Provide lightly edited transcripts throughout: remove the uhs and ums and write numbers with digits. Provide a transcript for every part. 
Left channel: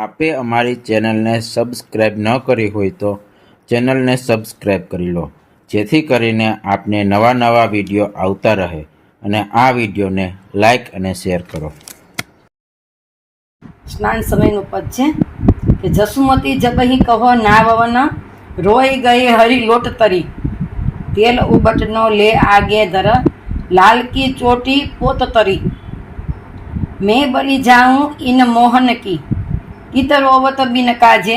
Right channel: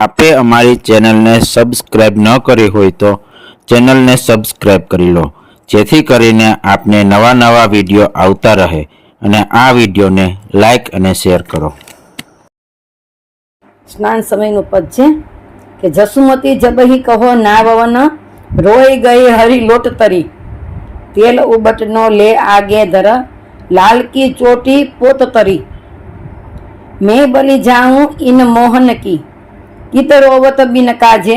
આપે અમારી ચેનલને સબસ્ક્રાઇબ ન કરી હોય તો ચેનલને સબસ્ક્રાઇબ કરી લો, જેથી કરીને આપને નવા નવા વિડીયો આવતા રહે અને આ વિડીયોને લાઈક અને શેર કરો. સ્નાન સમયનું પદ છે કે જસુમતી જબહી કહો નાવવન, રોઈ ગઈ હરી લોટ તરી, તેલ ઉબટનો લે આગે ધર, લાલકી ચોટી પોત તરી, મેં બલી જાઉં ઇન મોહન કી, કિતરોવત બિન કાજે,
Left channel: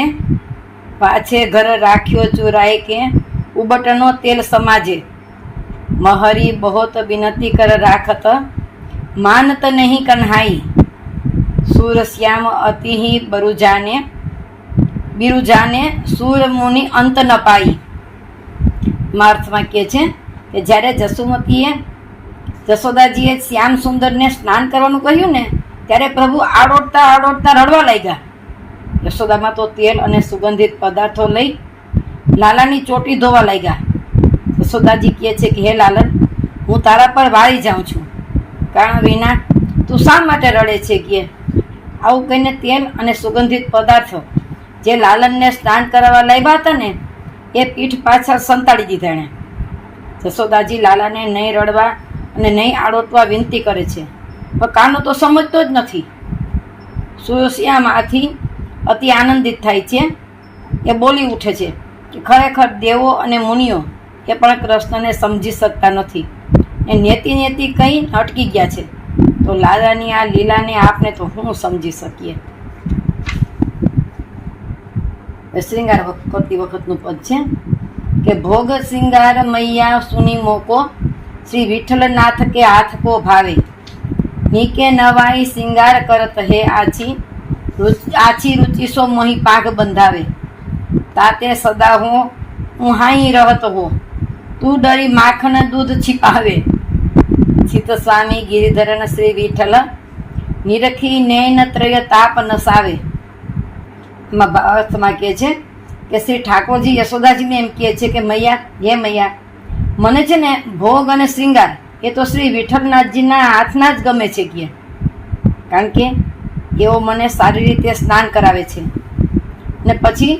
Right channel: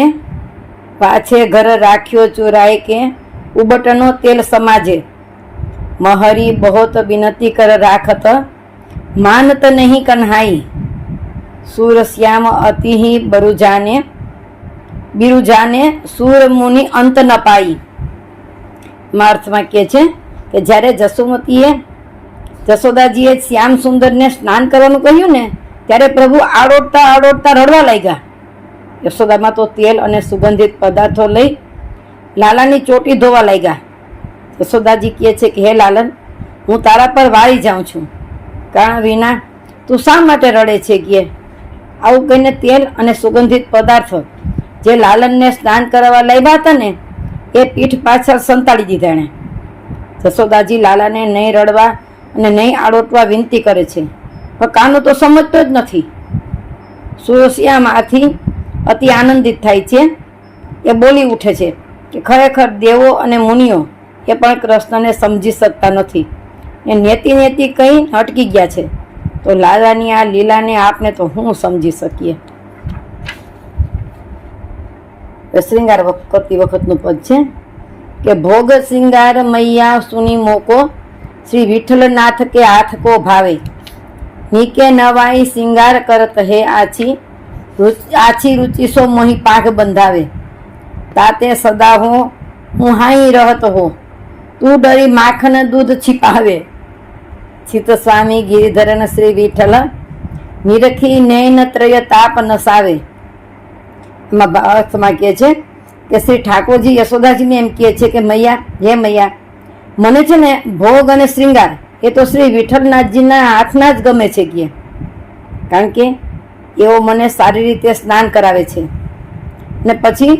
પાછે ઘર રાખ્યો ચોરાય કે, ઉબટનો તેલ સમાજે, મહરી બહોત વિનતી કર રાખત, માનત નહીં કન્હાઈ, सूरश्याम अति ही बिरुजाने सूर मुनि अंत न पाई. અર્થમાં કહે છે કે જ્યારે જશોદાજીએ શ્યામ સુંદરને સ્નાન કરવાનું કહ્યું ને, ત્યારે પ્રભુ આડોડતા આડોડતા રડવા લાગ્યા. યશોદામાં તો તેલ અને સુગંધિત પદાર્થો લઈ લાલાની ચોટી ધોવા લાગ્યા. યશોદાજી કહે છે કે હે લાલન, હું તારા પર વાળી જાઉં છું, કારણ વિના તું શા માટે રડે છે? કે આવું કહીને તેલ અને સુગંધિત પદાર્થો જે લાલનને સ્નાન કરાવવા લાવ્યા હતા ને, એ પીઠ પાછળ સંતાડી દીધા એણે. જશોદાજી લાલાને નહીં રડવા અને નહીં આડોટવા વિનંતી કરે છે, પણ કાનો તો સમજતો જ નથી. સુરશ્યામ આથી અતિ આનંદિત થાય છે. એ બોલી ઉઠે છે કે ખરેખર દેવો અને મુનિઓ એ પણ કૃષ્ણને સમજી શકતા નથી, એ નેતિ નેતિ કંઈ અટકી ગયા છે, તો લાલાની આ લીલાને આપને તો હું સમજી શકીએ. શ્રૃંગાર કરતી વખતનું પદ છે કે ભોગ શ્રૃંગાર મૈયા સુની મોકો, શ્રી વિઠ્ઠલનાથ કે હાથ કો ભાવે, નીકે નવાઈ શ્રૃંગાર કરત હે આછી, આછી રૂચિ સો મોહી પાઘ બંધાવે, તાતે સદા હું હાઈ રહત હો, તું ડરી માખન દૂધ छिपावे, ચિત સ્વામી ગિરિધરન શ્રી વિઠ્ઠલ, નિરખી નૈન ત્રય તાપ નસાવે. એમાં અર્થમાં કહે છે કે શ્રી ઠાકોરજી યશોદાજીને એમ કહે છે કે મૈયા, હે મૈયા, મને છે ને ભોગ અને શ્રૃંગાર એ તો શ્રી વિઠ્ઠલનાથજીના હાથના જ ગમે છે કે, કારણ કે એઓ મને સારી રીતે સ્નાન કરાવે છે ને પછી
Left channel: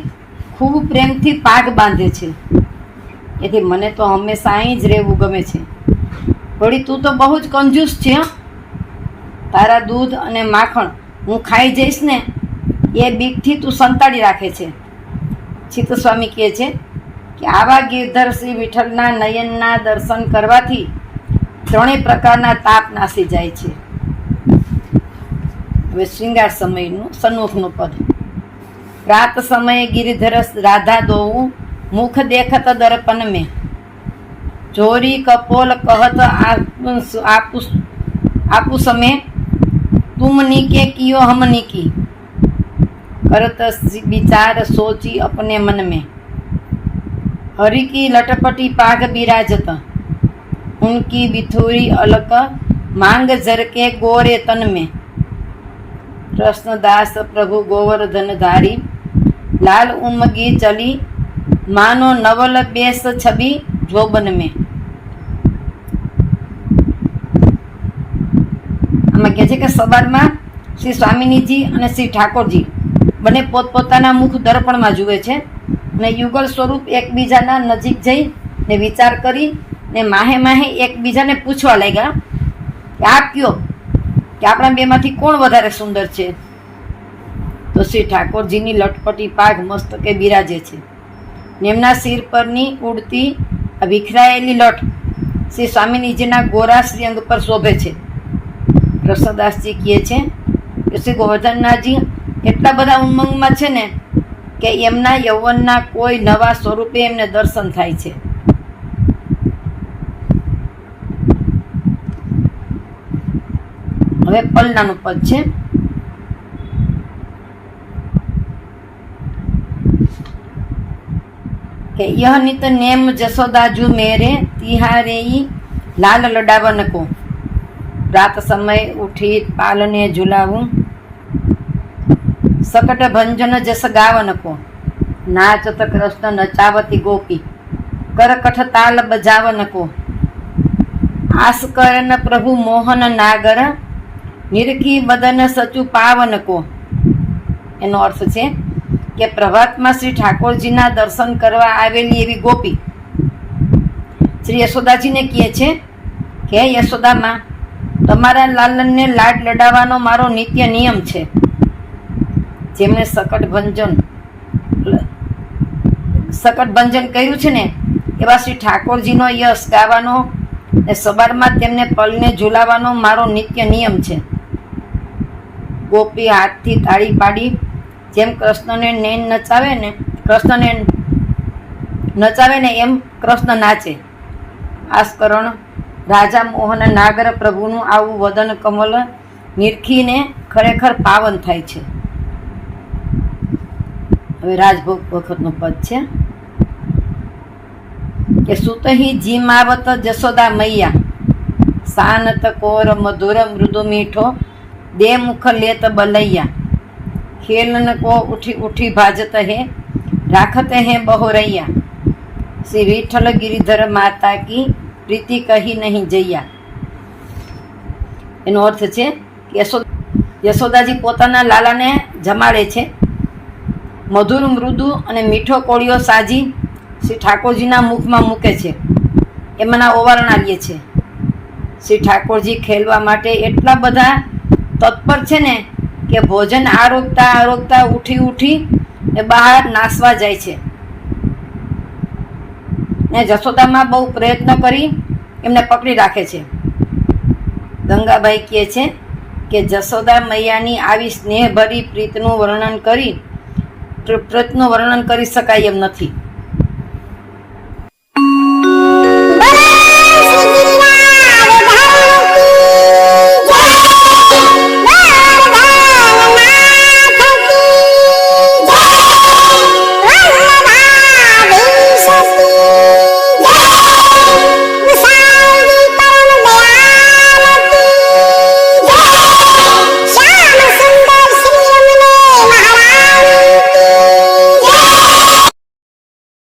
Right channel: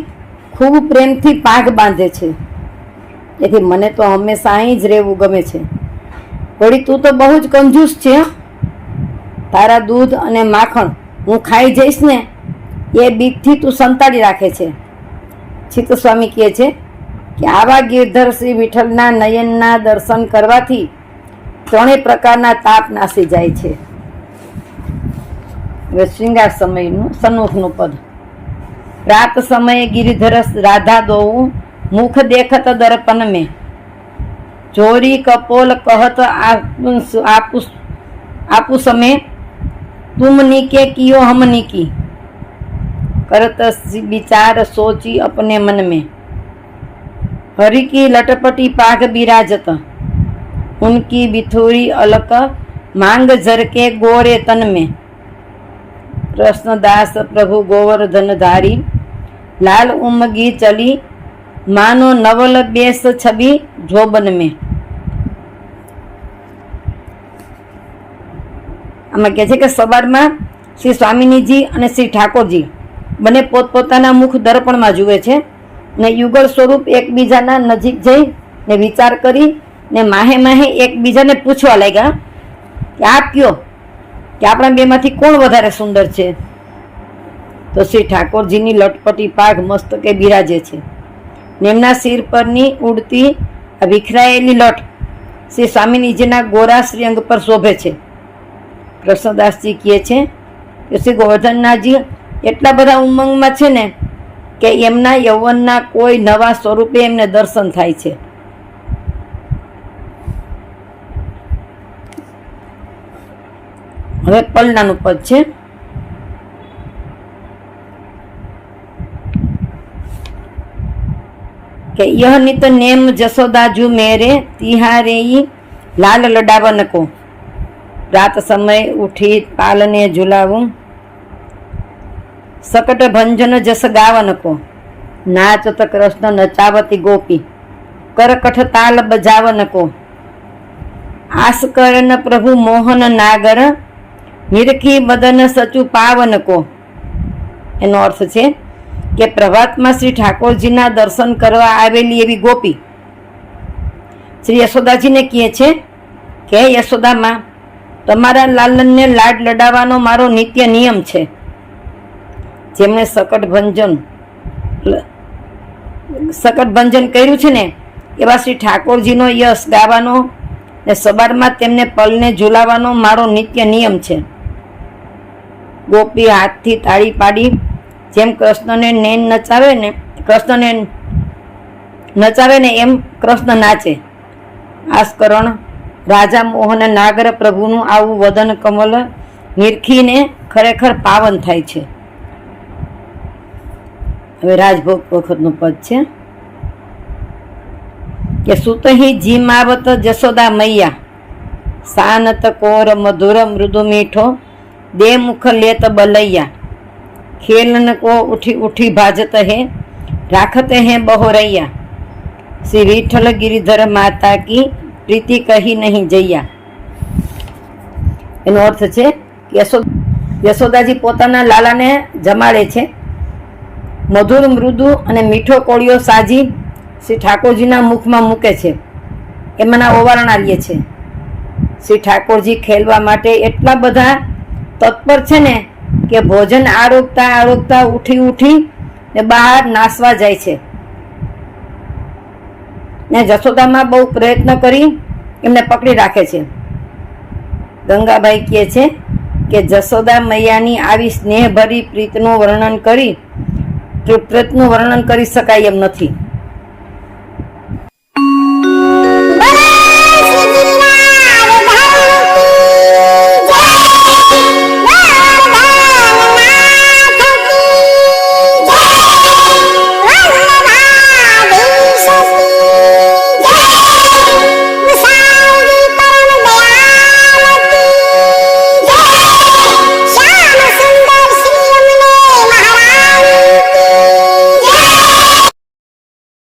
ખૂબ પ્રેમથી પાઘ બાંધે છે, એથી મને તો હંમેશા અહીં જ રહેવું ગમે છે. વળી તું તો બહુ જ કંજૂસ છે, તારા દૂધ અને માખણ હું ખાઈ જઈશ ને એ બીકથી તું સંતાડી રાખે છે. ચિત્ત સ્વામી કહે છે કે આવા ગિરધર શ્રી વિઠ્ઠલના નયનના દર્શન કરવાથી ત્રણેય પ્રકારના તાપ નાસી જાય છે. હવે શ્રૃંગાર સમયનું સન્મુખનું પદ. રાત સમયે ગિરિધર રાધા દોવું, મુખ દેખત દર્પણ મેં, જોરી કપોલ કહત આપુ समय, तुम नीके कियो हम नीकी, करत विचार सोची अपने मन में, हरि की लटपटी पाघ बिराजत, उनकी बिथोरी अलक मांग झरके गोरे तन में, कृष्णदास प्रभु गोवर्धन धारी, लाल उमगी चली मानो नवल बेस छवि जोबन में. આમાં કહે છે કે સવારમાં શ્રી સ્વામિનીજી અને શ્રી ઠાકોરજી બંને પોતપોતાના મુખ દર્પણમાં જુએ છે ને યુગલ સ્વરૂપ એકબીજાના નજીક જઈ ને વિચાર કરી ને માહે માહે એકબીજાને પૂછવા લાગ્યા કે આપ કયો કે આપણા બેમાંથી કોણ વધારે સુંદર છે? તો શ્રી ઠાકોરજીની લટપટી પાઘ મસ્તકે બિરાજે છે ને એમના શિર પરની ઉડતી વિખરાયેલી લટ શ્રી સ્વામિનીજીના ગોરા શ્રીઅંગ પર શોભે છે. કૃષ્ણદાસજી કહે છે કે શ્રી ગોવર્ધનનાથજી એટલા બધા ઉમંગમાં છે ને કે એમના યૌવનના કોઈ નવા સ્વરૂપે એમને દર્શન થાય છે. હવે પલનાનું પદ છે કે યહ નિત નેમ જશોદાજુ મેરે, તિહારે લાલ લડાવન કો, रात समय उठी पालने झुलाऊं, सकट भंजन जस गावन को, नाचत कृष्ण नचावती गोपी, करकठ ताल बजावन को, आस करन प्रभु मोहन नागर, निरखी बदन सचु पावन को, એનો અર્થ છે કે પ્રભાતમાં શ્રી ઠાકોરજીના દર્શન કરવા આવેલી એવી ગોપી શ્રી યશોદાજીને કહે છે કે હે યશોદામાં, તમારા લાલનને લાડ લડાવવાનો મારો નિત્ય નિયમ છે. જેમણે સકટ ભંજન કર્યું છે ને એવા શ્રી ઠાકોરજીનો યશ ગાવાનો ને સવારમાં તેમને પલને ઝુલાવવાનો મારો નિત્ય નિયમ છે. ગોપી હાથથી તાળી પાડી જેમ કૃષ્ણને નચાવે ને એમ કૃષ્ણ નાચે. આસ્કરણ રાજા મોહન નાગર પ્રભુનું આવું વદન કમલ નિરખીને ખરેખર પાવન થાય છે. હવે રાજભોગ વખતનું પદ છે કે સુતહી જીમાવત જશોદા મૈયા, સાનત કોર મધુર મૃદુ મીઠો, દે મુખ લેત બલૈયા, ખેલન કો ઉઠી ઉઠી ભાજત હે, રાખત હે બહોરૈયા, શ્રી વિઠ્ઠલ ગિરિધર માતા કી પ્રીતિ કહી નહીં જૈયા. એનો અર્થ છે યશોદાજી પોતાના લાલાને જમાડે છે. મધુર મૃદુ અને મીઠો કોળિયો સાજી શ્રી ઠાકોરજીના મુખમાં મૂકે છે, એમાંના ઓવારણા લે છે. શ્રી ઠાકોરજી ખેલવા માટે એટલા બધા તત્પર છે ને કે ભોજન આરોગતા ઉઠી ને બહાર નાસવા જાય છે. ને જશોદામાં બહુ પ્રયત્ન કરી એમને પકડી રાખે છે. ગંગાબાઈ કહે છે કે જશોદા મૈયાની આવી સ્નેહભરી પ્રીતનું વર્ણન કરી શકાય એમ નથી. બોલો શ્રી